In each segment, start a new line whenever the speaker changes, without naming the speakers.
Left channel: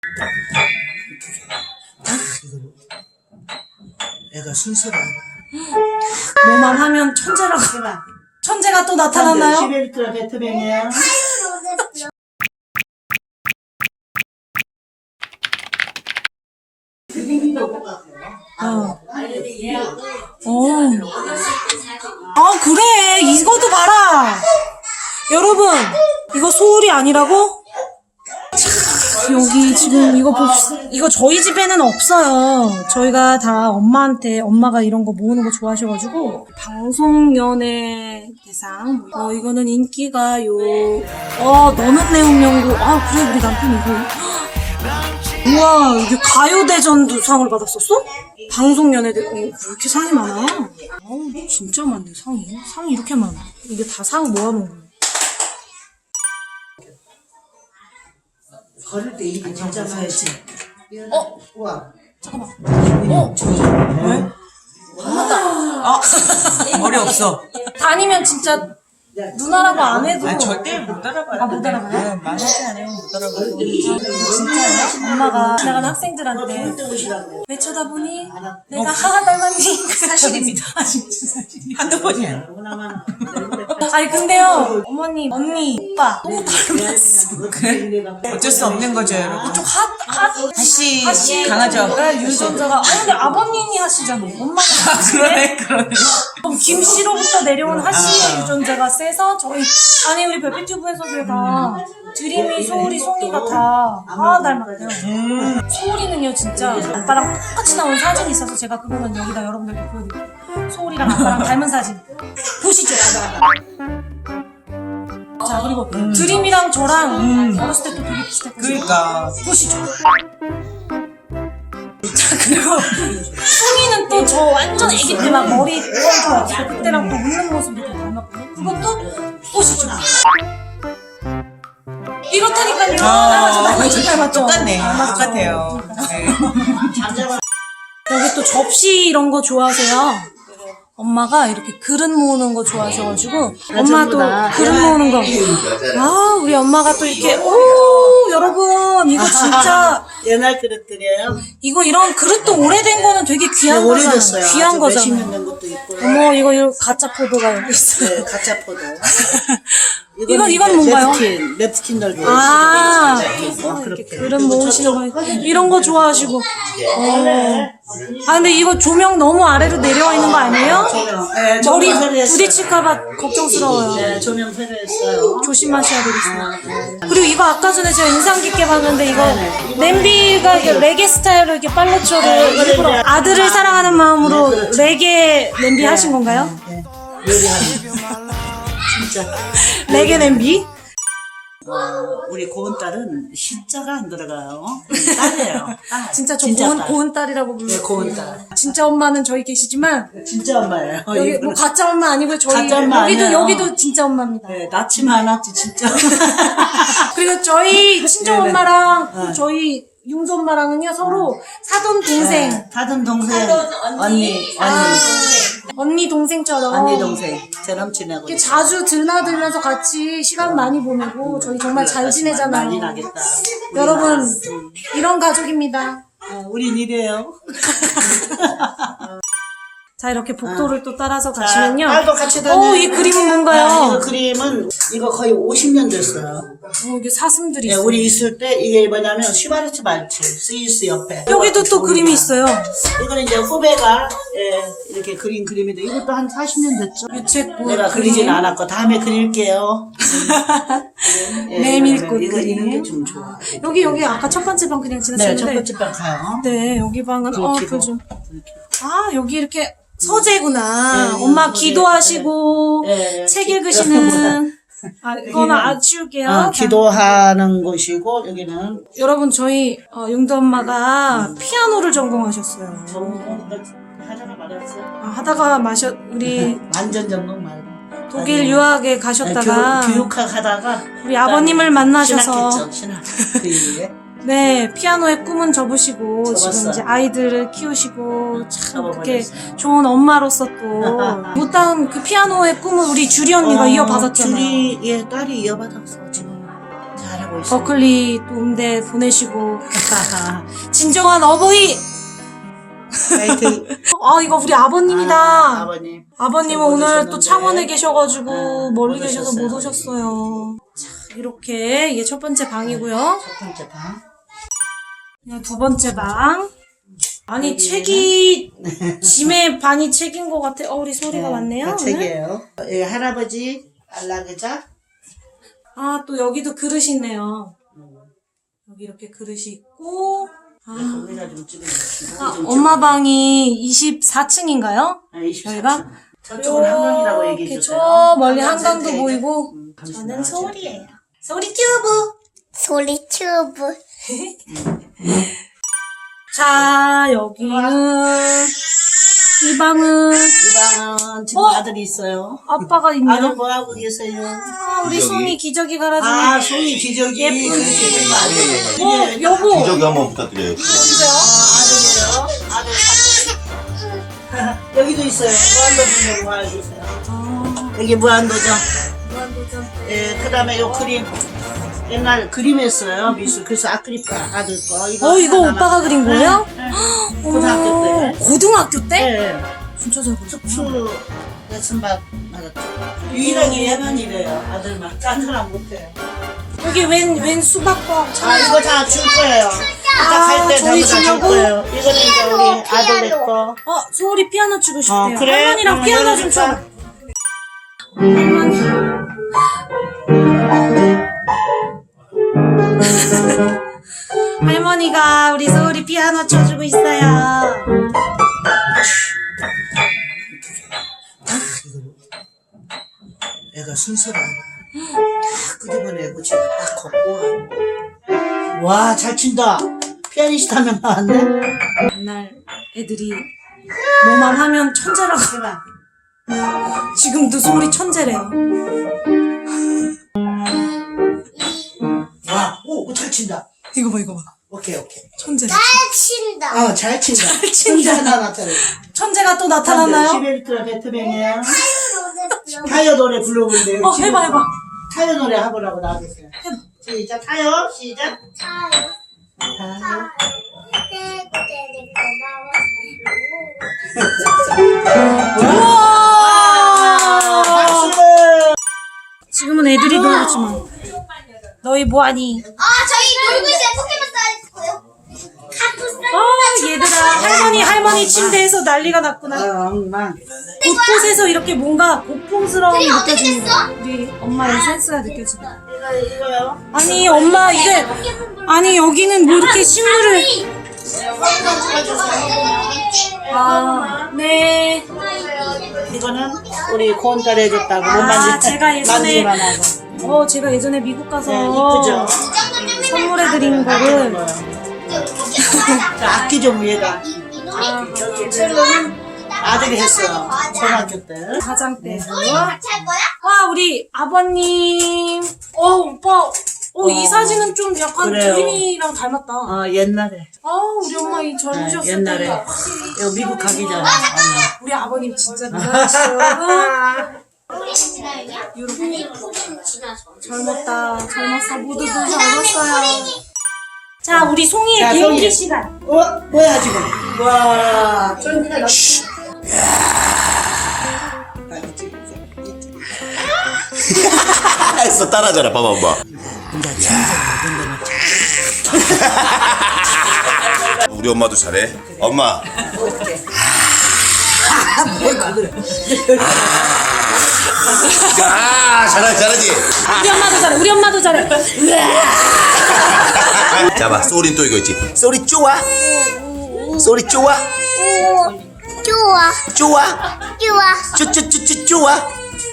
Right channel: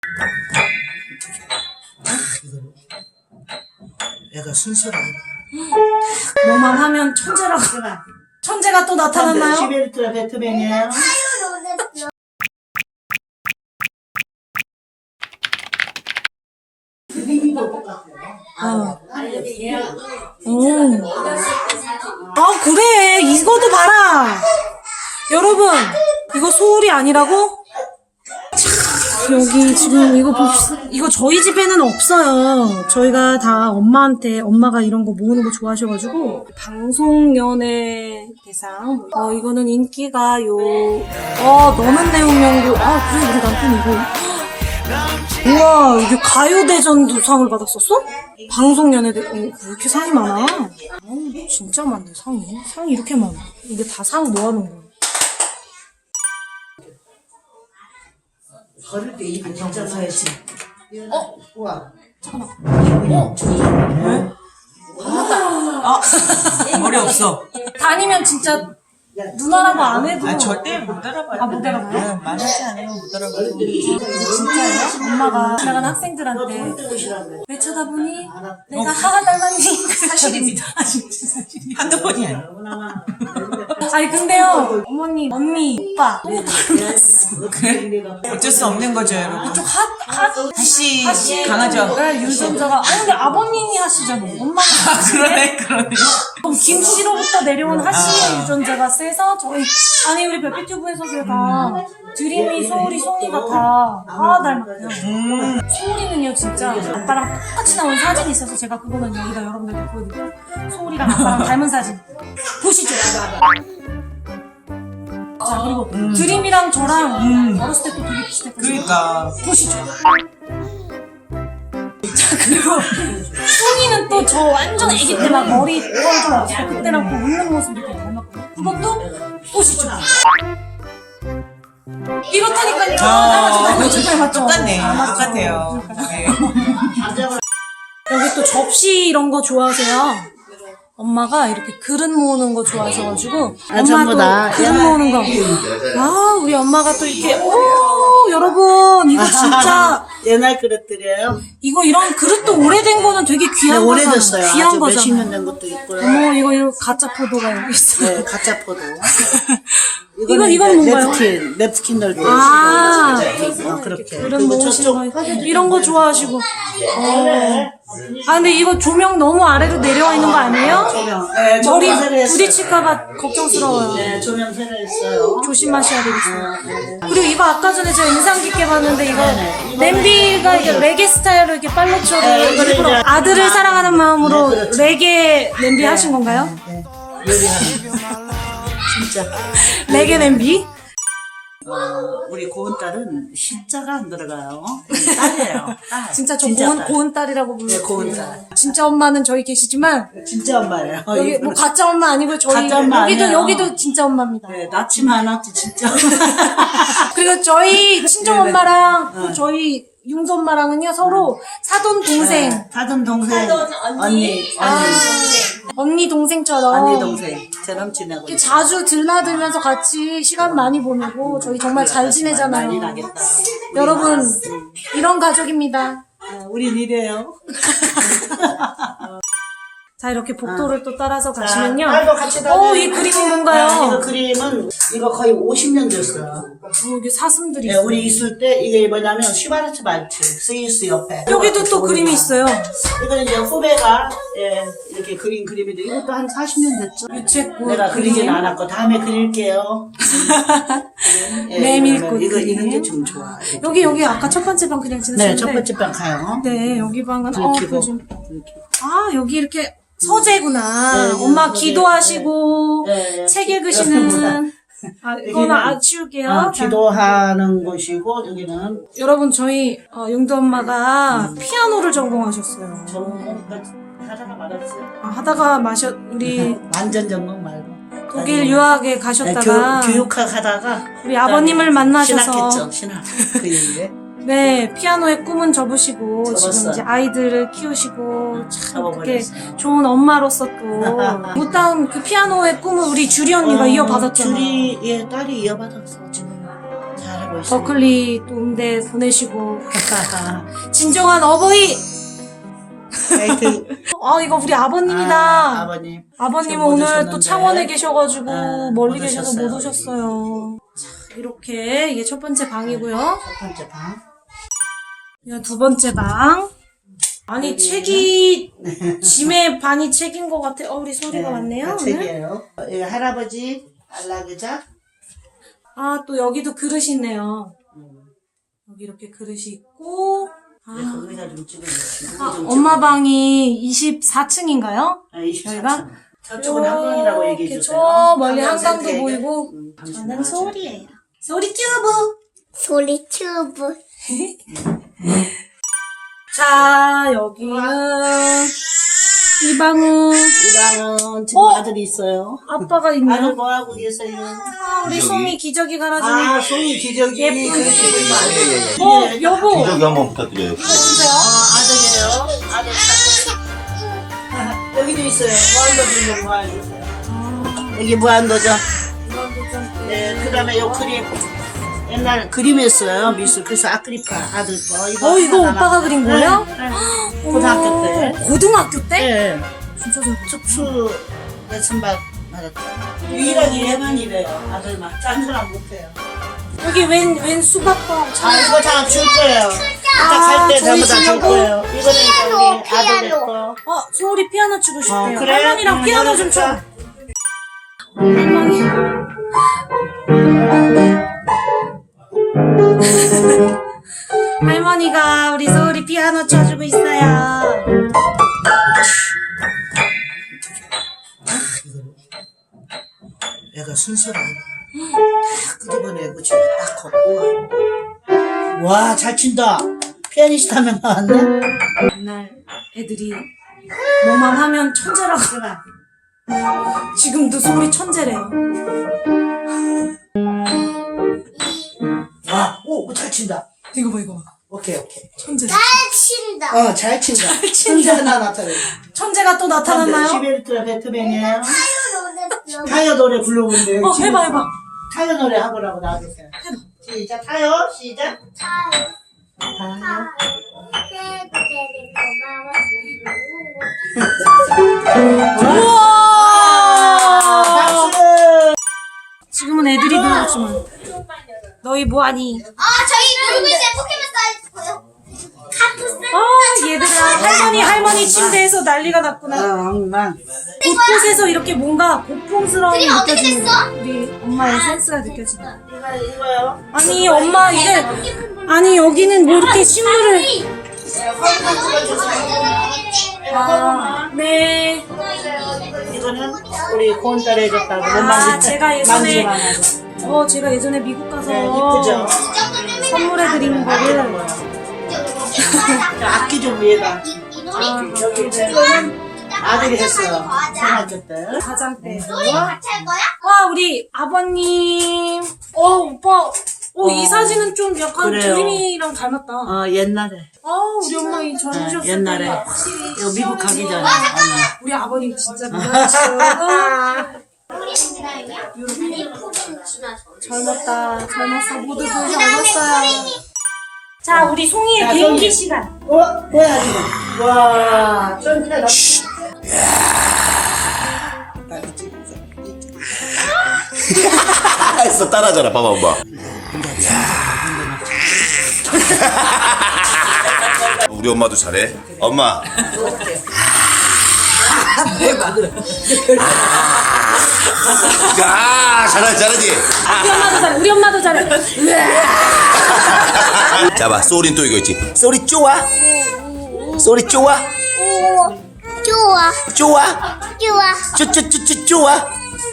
애가 순서가
뭐만 하면 천재라고. 천재가 또 나타났나요?
시베르트라 베토벤이에요.
아 그래 이것도 봐라 여러분 이거 소울이 아니라고? 여기 지금 이거 봅시다. 이거 저희 집에는 없어요. 저희가 다 엄마가 이런 거 모으는 거 좋아하셔가지고 방송연예 대상 이거는 인기가요. 너는 내 운명고. 아 그래 우리 남편 이거. 우와 이게 가요대전도 상을 받았었어? 방송연예대. 왜 이렇게 상이 많아? 진짜 많네 상이 이렇게 많아. 이게 다 상 모아놓은 거야.
걸을 때 입이 진짜 서야지. 우와.
잠깐만.
왜?
머리 없어.
다니면 진짜 누나라고 안 해도.
아니, 절대 못 알아봐요.
못 알아봐요?
만하지 않아요, 못 알아봐요.
진짜요? 엄마가 지나가는 학생들한테 왜 쳐다보니? 내가 하하 닮았니?
사실입니다.
아 진짜 사실이야.
한두 번이 아니에요.
아니 근데요 어머니 언니 오빠 너무 닮았어.
그래? 어쩔 수 없는 거죠, 여러분.
좀
하씨 강하죠?
유전자가. 아니 근데 아버님이 하시잖아. 엄마가.
그러네.
그럼 김씨로부터 내려온 하씨의 유전자가 세서 저희 우리 별빛튜브에서 다 드림이 소울이 송이가 다 닮았대요. 소울이는요 진짜 아빠랑 똑같이 나온 사진이 있어서 제가 그거는 여기다 여러분들께 보여드릴게요. 소울이랑 아빠랑 닮은 사진 보시죠. 자 그리고 드림이랑 저랑 어렸을 때 또 되게 비슷했거든요.
그러니까.
보시죠. 자 그리고 송이는 또 저 완전 애기 때 막 머리 뻘좀 없고 그때랑 또 웃는 모습이 되게 닮았거든요. 그것도 보시죠. 이렇다니까요. 닮았죠. 진짜 닮았죠.
똑같네.
닮았죠.
똑같아요. 네.
여기 또 접시 이런 거 좋아하세요? 엄마가 이렇게 그릇 모으는 거 좋아하셔가지고 엄마도 그릇 모으는 거. 우리 엄마가 또 이렇게 여러분 이거 진짜
옛날 그릇들이에요.
이런 그릇도 오래된 거는 되게 귀한 거잖아.
오래됐어요.
귀한
아주
거잖아.
몇십 년 된 것도 있고요.
어머 이거 가짜 포도가 여기 있어.
네, 가짜 포도.
이건 뭔가요?
냅스킨 넓이.
이렇게 그릇 모으시는 거 이런 거 좋아하시고. 근데 이거 조명 너무 아래로 내려와 있는 거 아니에요?
네,
머리
조명 새로
부딪힐까봐 걱정스러워요.
네, 조명 새로 했어요.
조심하셔야 되겠어요. 그리고 이거 아까 전에 제가 인상 깊게 봤는데 이거 냄비가 이게 레게 스타일로 이렇게 팔로초를 일부러 아들을 사랑하는 마음으로 레게 냄비 하신 건가요?
네, 요리하는. 진짜.
레게 냄비?
우리 고은딸은 시자가 안 들어가요. 딸이에요. 딸.
진짜 저
딸.
고은 딸이라고 불러요.
네, 고은딸.
진짜 엄마는 저희 계시지만
진짜 엄마예요.
여기 뭐 가짜 엄마 아니고 저희
가짜 엄마 아니에요.
여기도 진짜 엄마입니다.
네, 낳지만 않았지, 진짜.
그리고 저희 친정 엄마랑 또 저희 융조 엄마랑은요 서로 사돈 동생,
네, 사돈 동생, 언니
동생처럼
동생처럼 지내고
이렇게 자주 들나들면서 같이 시간 많이 보내고 저희 정말 잘 지내잖아요.
많이 나겠다.
여러분 이런 가족입니다.
우린 이래요.
자 이렇게 복도를 또 따라서 가시면요.
딸도 같이 다녀요.
이 그림은
이
뭔가요?
그림은 이거 거의 50년 됐어요.
이게 사슴들이
네,
있어요.
우리 있을 때 이게 뭐냐면 슈바르츠 말츠 스위스 옆에
여기도 또 그림이 있어요.
이거는 이제 후배가 이렇게 그린 그림인데 이것도 한 40년 됐죠.
유채꽃
내가 그리진 않았고 다음에 그릴게요.
메밀꽃
이거
그림.
이런 게 좀 좋아.
여기 아까 첫 번째 방 그냥
네,
지났었는데
첫 번째 방 가요.
네, 여기 방은
불 켜고.
여기 이렇게 서재구나. 엄마 기도하시고
네,
책 읽으시는. 이거는 치울게요. 자,
기도하는 곳이고 여기는
여러분 저희 용도 엄마가 피아노를 전공하셨어요.
하다가 말았어요.
하다가 우리
완전 전공 말고
독일 유학에 가셨다가
교육학 하다가
우리 아버님을 만나셔서
신학 그 이후에
네, 피아노의 꿈은 접으시고 지금
접었어요.
이제 아이들을 키우시고 참 그렇게
접어버렸어요.
좋은 엄마로서 또 못다운 그 피아노의 꿈을 우리 주리 언니가 이어받았잖아요.
주리 딸이 이어받았어 지금 잘하고 하고 있어요.
버클리 또 음대 보내시고 진정한 어버이.
파이팅.
아 이거 우리 아버님이다.
아버님.
아버님은
못
오늘 또
오셨는데.
창원에 계셔가지고 멀리
못
계셔서
오셨어요.
못 오셨어요. 자, 이렇게 이게 첫 번째 방이고요.
첫 번째 방.
이거 두 번째 방. 아니 책이 짐의 반이 책인 것 같아. 우리 소리가 많네요.
다
오늘.
책이에요. 여기 할아버지 안락의자.
아 또 여기도 그릇이 있네요. 여기 이렇게 그릇이 있고. 아,
의자 좀 찍어주세요.
엄마 방이 24층인가요?
24층.
저희가
저쪽은 한강이라고 얘기해
이렇게
주세요.
저 멀리
한강
한강도
센터에게.
보이고.
당신
저는
나와주세요.
소리예요. 소리 튜브.
소리 튜브.
자, 여기는 이 방은
이 방은 지금 아들이 있어요.
아빠가
아들
있네요.
뭐 하고 계세요?
아, 우리 송이 기저귀 갈아주는.
아, 송이 기저귀.
예쁜
그렇지.
여보.
기저귀 한번 부탁드려요.
아들이에요. 아들 여기도 있어요. 무한도전 좀 봐주세요. 여기 무한도전. 예, 그다음에 요 그림. 옛날 그림했어요. 미술. 그래서 아크릴파 아들 거.
이거
하나
오빠가 그린 거예요?
고등학교 때.
고등학교 때?
예.
진짜 잘 그렸다.
특수 레슨 받았죠. 유일하게 얘만 이래요. 아들만. 딴 사람 못해요.
여기 웬 수박빵.
아, 이거 다 줄 거예요.
아,
갈때
저희
전부 다줄
주려고?
거예요. 이거는 이제 우리 아들
피아노.
거.
소울이 피아노 치고 싶대요.
그래?
할머니랑 피아노 좀 쳐.
열어줄까?
할머니. 할머니가 우리 소울이 피아노 쳐주고 있어요.
애가 순서가 끄집어내고 지금 딱 걷고 와, 잘 친다. 피아니스트 하면 나왔네.
옛날 애들이 뭐만 하면 천재라고.
해봐.
지금도 소울이 천재래요.
와, 오, 잘 친다.
이거 봐, 이거 봐.
오케이.
천재.
잘 친다.
잘 친다. 천재 하나 나타나요.
천재가 또 나타났나요?
시베르트라 베토벤이에요. 타요 노래 불러본대요.
해봐.
타요 노래 하보라고 나와주세요. 시작, 타요, 시작.
타요.
타요.
우와!
박수!
지금은 애들이 놀겠지만. 너희 뭐하니?
저희 놀고 있어요. 포켓몬 싸있고요.
얘들아. 할머니 침대에서 난리가 났구나.
엄마.
곳곳에서 이렇게 뭔가 고풍스러움이
드림 어떻게
느껴지는
됐어?
우리 엄마의 센스가 느껴진다.
이거요?
아니 엄마 이게 아니 여기는 뭐 이렇게 식물을 네.
이거는 우리 고은딸이 해줬다고.
제가 예전에 제가 예전에 미국 가서
이쁘죠?
선물해드린 거를
악기 좀 위에다. 여기 첼로는 아들이 했어요. 초등학교 때.
가장 때.
같이 할 거야?
와 우리 아버님. 오빠. 이 사진은 좀 약간
그래요.
드림이랑 닮았다.
옛날에.
우리 엄마 이 젊으셨을 때
옛날에.
확실히
이거 미국 가기 전에.
우리 아버님 진짜 미남이시죠.
우리 지나이냐?
이렇게
푸른 지나서.
젊었어. 모두 젊었어요. 자, 우리 송이의
자,
개인기
송이.
시간.
뭐야 지금? 와, 쫀디가 나.
했어 따라하잖아 봐봐 엄마. 우리 엄마도 잘해. 엄마. 잘하지.
우리 엄마도 잘해.
자봐 소린 또 이거 있지. 소리 좋아. 소리 좋아.
좋아.
좋아.
좋아.
쭈쭈쭈쭈 좋아.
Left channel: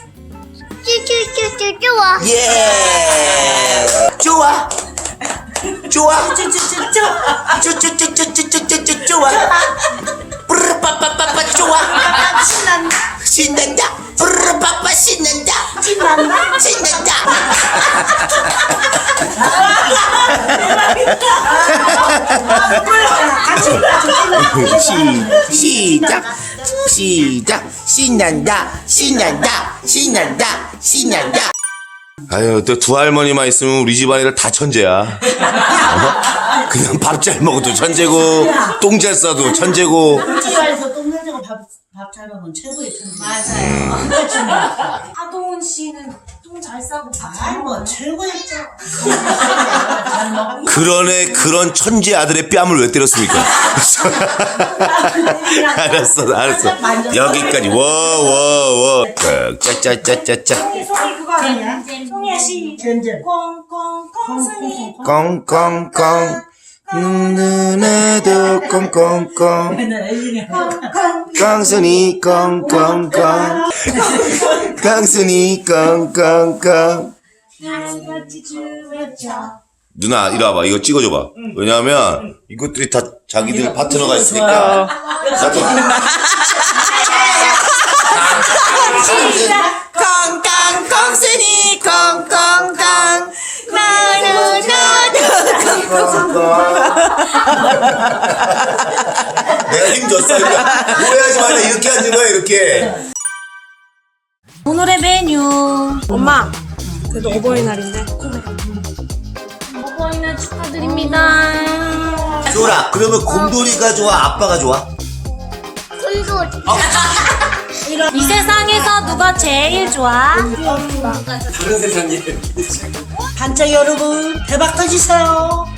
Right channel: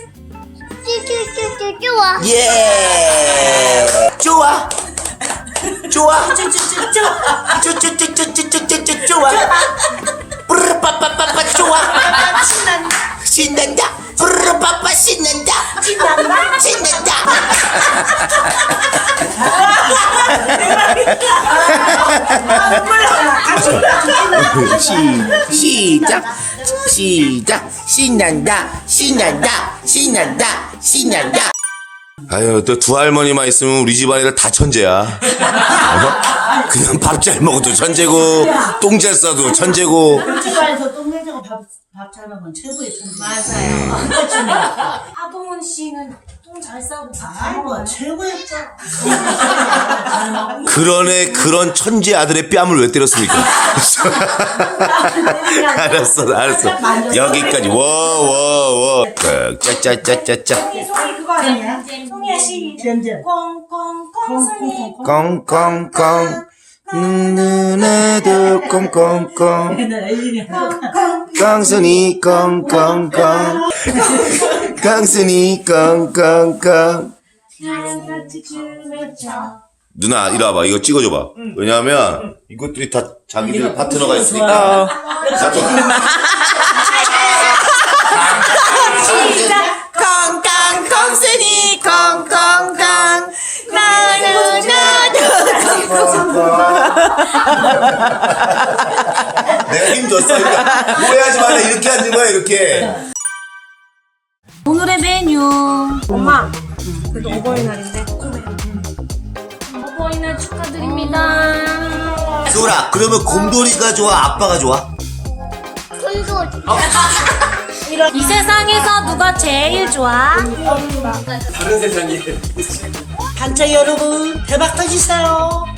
쭈쭈쭈쭈 좋아.
예. 좋아. 좋아. 쭈쭈쭈쭈쭈쭈쭈쭈 좋아. 뿌르빠빠빠빠 좋아. 신난다. 뿌르빠빠 신난다. 신난다. 시작. 신난다. 신난다. 신난다. 신난다. 아유, 또 두 할머니만 있으면 우리 집안 애들 다 천재야. 어? 그냥 밥 잘 먹어도 천재고, 똥 잘 싸도 천재고.
집안에서 똥내자고 밥 잘 먹으면 최고의 천재. 맞아요.
하동훈 씨는 똥 잘 싸고 밥 잘
아이고,
먹어요.
최고의
그러네, 그런 천재 아들의 뺨을 왜 때렸습니까? 알았어. 여기까지. 워. 짜짜짜짜짜.
송이 그거 아니야? 송이야 씨.
잼잼.
꽁꽁꽁 송이.
꽁꽁꽁. 누나도 꽁꽁꽁. 깡순이 꽁꽁꽁. 깡순이 꽁꽁꽁. 누나 이리 와봐. 이거 찍어줘봐. 왜냐하면 이것들이 다 자기들 파트너가 있으니까.
콩콩 콩순이 콩콩콩 나도
내가 힘 줬어. 그러니까 오해하지 마. 이렇게 앉는 거야 이렇게.
오늘의 메뉴. 엄마. 그래도 어버이날인데. 어버이날 축하드립니다.
소라, 그러면 곰돌이가 좋아? 아빠가 좋아?
콘돌.
이 세상에서 누가 제일 좋아?
단체 여러분, 대박 터지세요.